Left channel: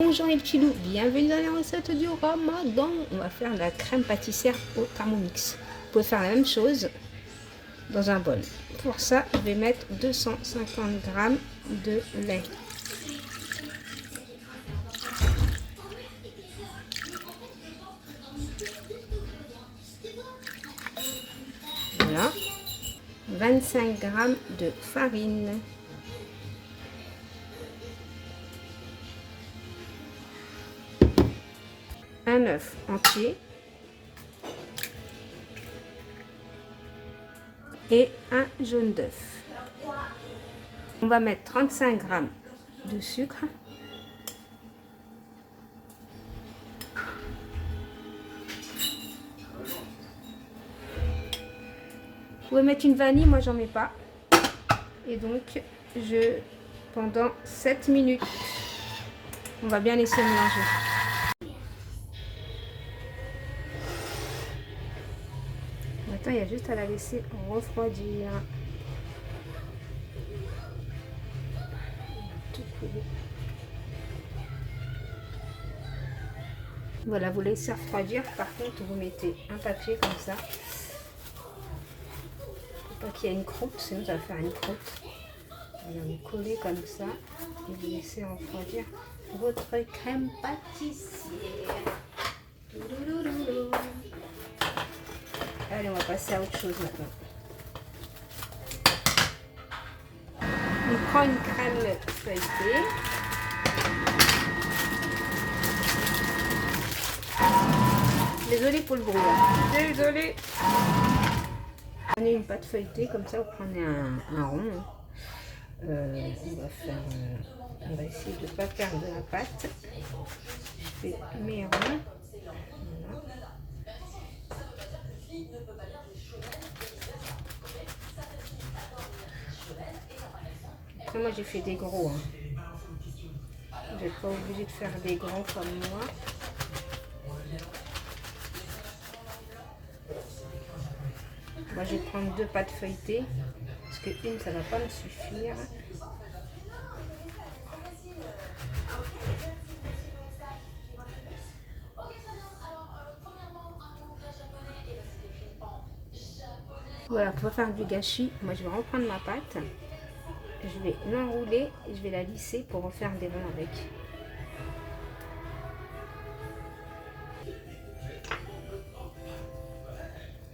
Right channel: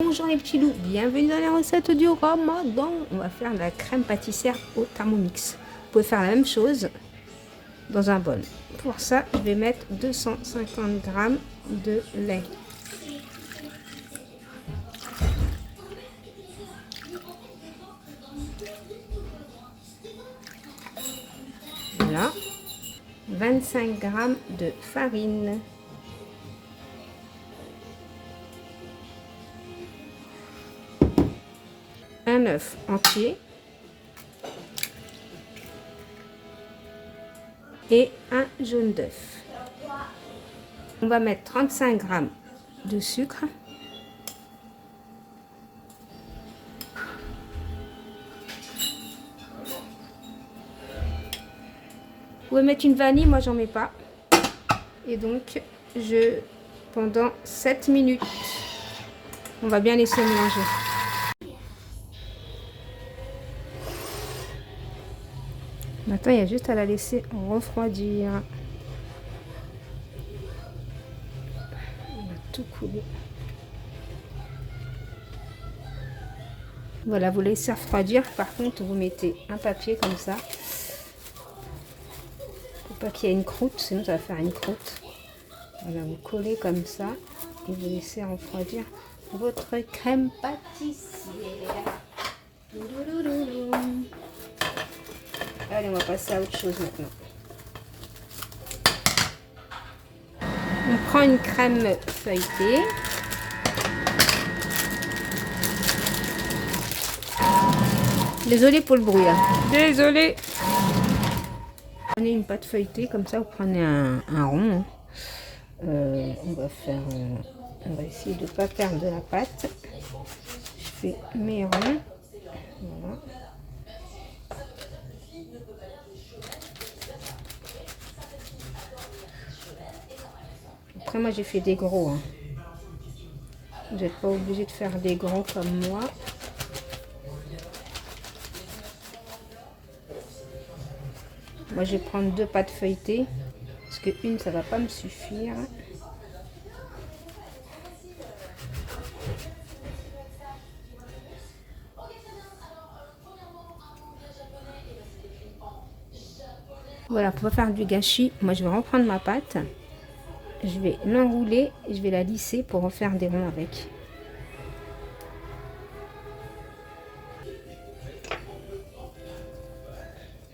Bonjour les petits loups, bienvenue dans la recette du ramadan. On va faire de la crème pâtissière au Thermomix. Vous pouvez faire la même chose dans un bol. Pour ça, je vais mettre 250 g de lait. Voilà. 25 g de farine. Un œuf entier. Et un jaune d'œuf. On va mettre 35 g de sucre. Vous pouvez mettre une vanille, moi j'en mets pas. Et donc, pendant 7 minutes, on va bien laisser mélanger. Maintenant, il y a juste à la laisser refroidir. On va tout couler. Voilà, vous laissez refroidir. Par contre, vous mettez un papier comme ça. Pour pas qu'il y ait une croûte, sinon ça va faire une croûte. Voilà, vous collez comme ça et vous laissez refroidir votre crème pâtissière. Allez, on va passer à autre chose maintenant. On prend une crème feuilletée. Désolée pour le bruit. Désolée. Prenez une pâte feuilletée, comme ça vous prenez un rond. On va essayer de ne pas perdre de la pâte. Je fais mes ronds. Voilà. Après, moi j'ai fait des gros. Vous n'êtes pas obligé de faire des grands comme moi. Moi je vais prendre 2 pâtes feuilletées. Parce que une ça va pas me suffire. Voilà, pour faire du gâchis, moi je vais reprendre ma pâte. Je vais l'enrouler et je vais la lisser pour en faire des ronds avec.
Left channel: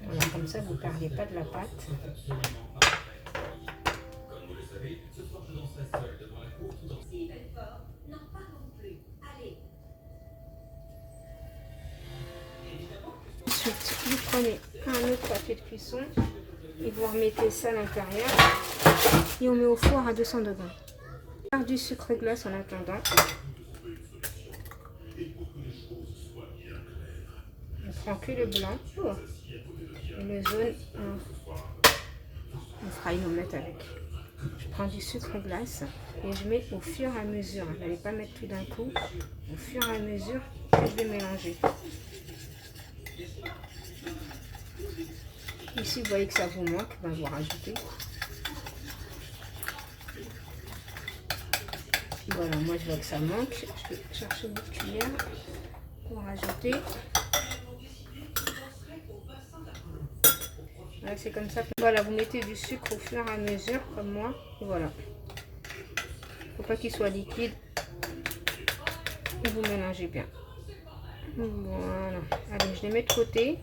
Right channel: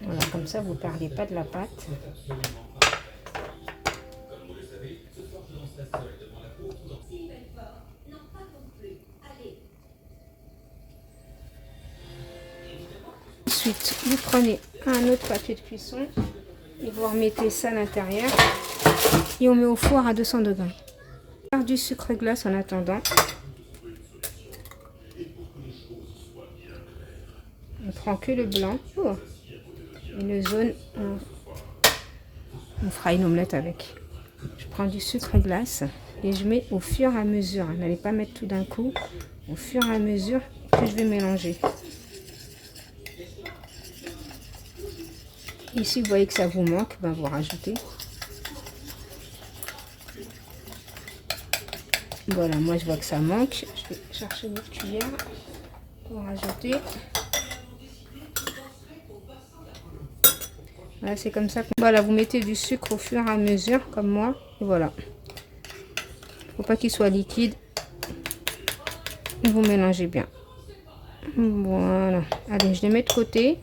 Voilà, comme ça vous ne perdez pas de la pâte. Ensuite, vous prenez un autre papier de cuisson et vous remettez ça à l'intérieur et on met au four à 200 degrés. On va faire du sucre glace en attendant. On prend que le blanc et le jaune, on fera une omelette avec. Je prends du sucre glace et je mets au fur et à mesure. N'allez pas mettre tout d'un coup, au fur et à mesure que je vais mélanger. Ici, vous voyez que ça vous manque, ben vous rajoutez. Voilà, moi je vois que ça manque. Je vais chercher une cuillère pour rajouter. Voilà, c'est comme ça. Voilà, vous mettez du sucre au fur et à mesure, comme moi. Et voilà. Faut pas qu'il soit liquide. Vous mélangez bien. Voilà. Allez, je les mets de côté.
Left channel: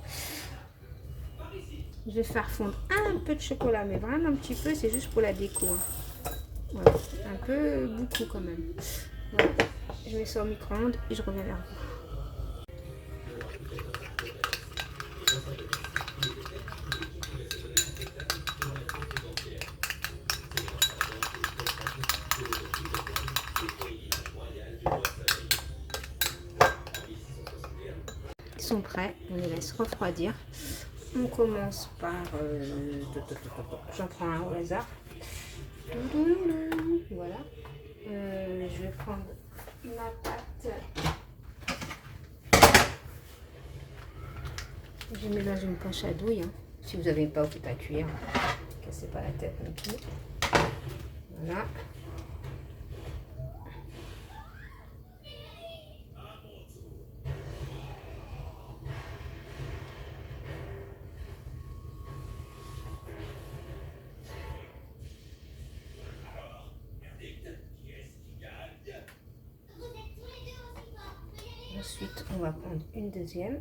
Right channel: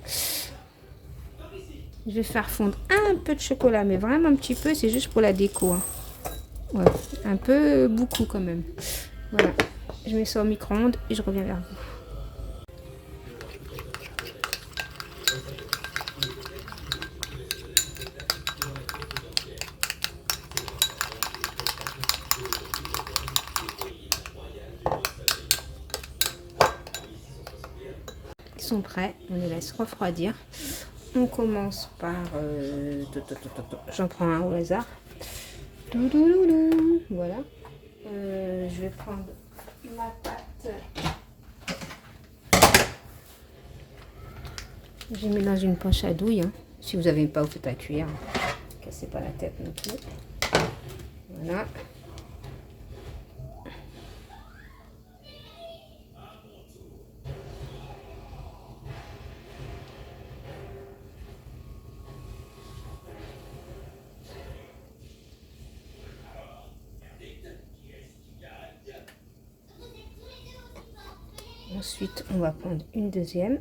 Je vais faire fondre un peu de chocolat, mais vraiment un petit peu, c'est juste pour la déco. Hein. Ouais, un peu beaucoup quand même. Voilà, je mets ça au micro-ondes et je reviens vers vous. Ils sont prêts, on les laisse refroidir. On commence par... j'en prends un au hasard. Voilà. Je vais prendre ma pâte. Je mets dans une poche à douille. Hein. Si vous n'avez pas, vous faites à cuire. Ne cassez pas la tête non plus. Voilà. Ensuite, on va prendre une deuxième.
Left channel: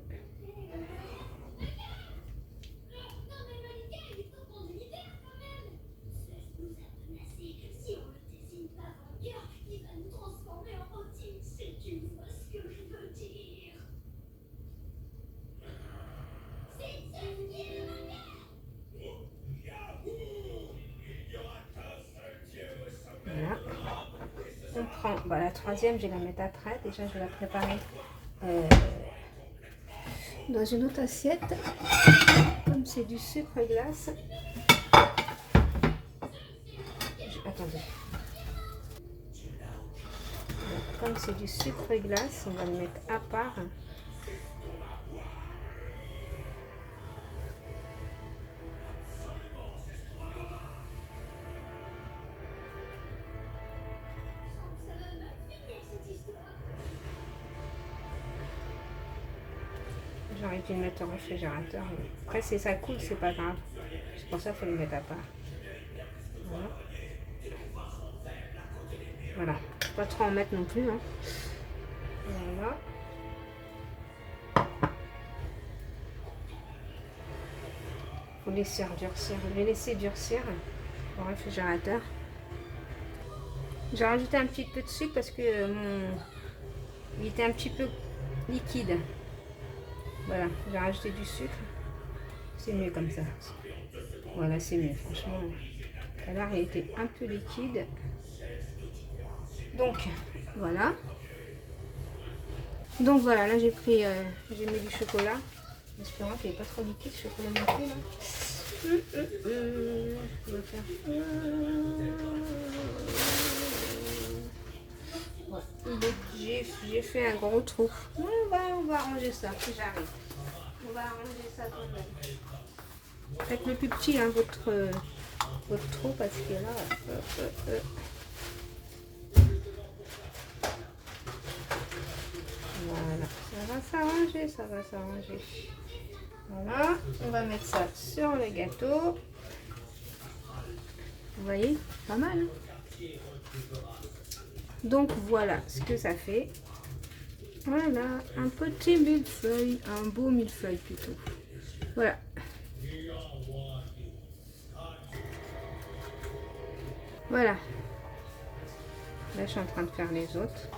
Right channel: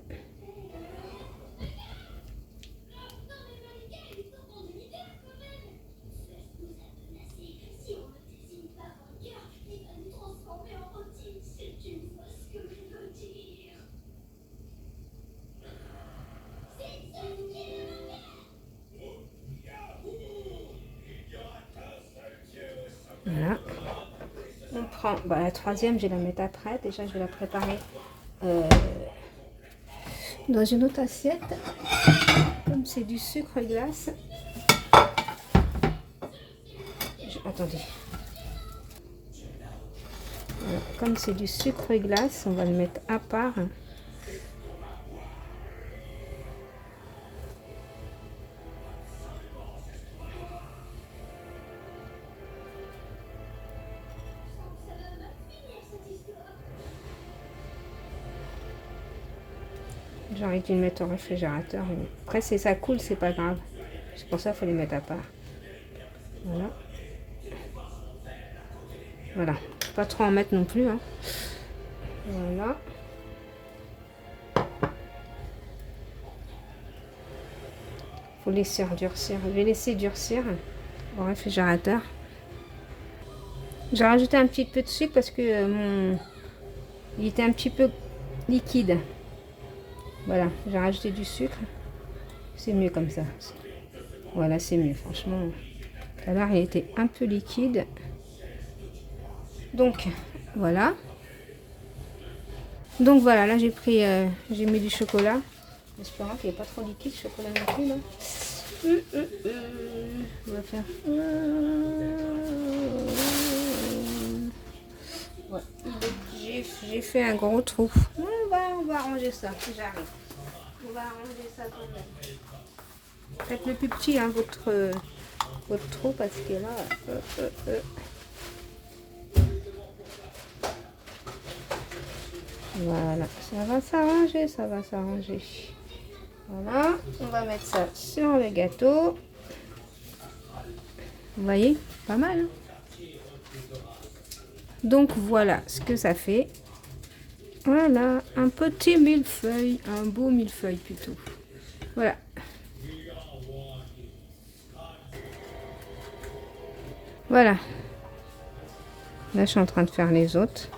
Voilà. On prend la troisième, je vais la mettre après. Déjà, je vais la préparer dans une autre assiette. Comme c'est du sucre glace. Attendez. Voilà. Comme c'est du sucre glace, on va le mettre à part. J'aurais dû le mettre au réfrigérateur. Après, si ça coule, c'est pas grave. C'est pour ça qu'il faut les mettre à part. Voilà. Voilà. Pas trop en mettre non plus. Hein. Voilà. Faut laisser durcir. Je vais laisser durcir au réfrigérateur. J'ai rajouté un petit peu de sucre parce que il était un petit peu liquide. Voilà, j'ai rajouté du sucre. C'est mieux comme ça. Voilà, c'est mieux, franchement. Tout à l'heure, il était un peu liquide. Donc, voilà. Donc, voilà, là, j'ai mis du chocolat. J'espère qu'il n'est pas trop liquide, le chocolat non plus, là. On va faire... Ouais. J'ai fait un gros trou. On va arranger ça, si j'arrive. On va arranger ça quand même. Faites le plus petit, hein, votre trou, parce que là... Voilà, ça va s'arranger, ça va s'arranger. Voilà, on va mettre ça sur le gâteau. Vous voyez, pas mal. Hein. Donc voilà ce que ça fait. Voilà, un petit millefeuille, un beau millefeuille plutôt. Voilà. Voilà. Là, je suis en train de faire les autres.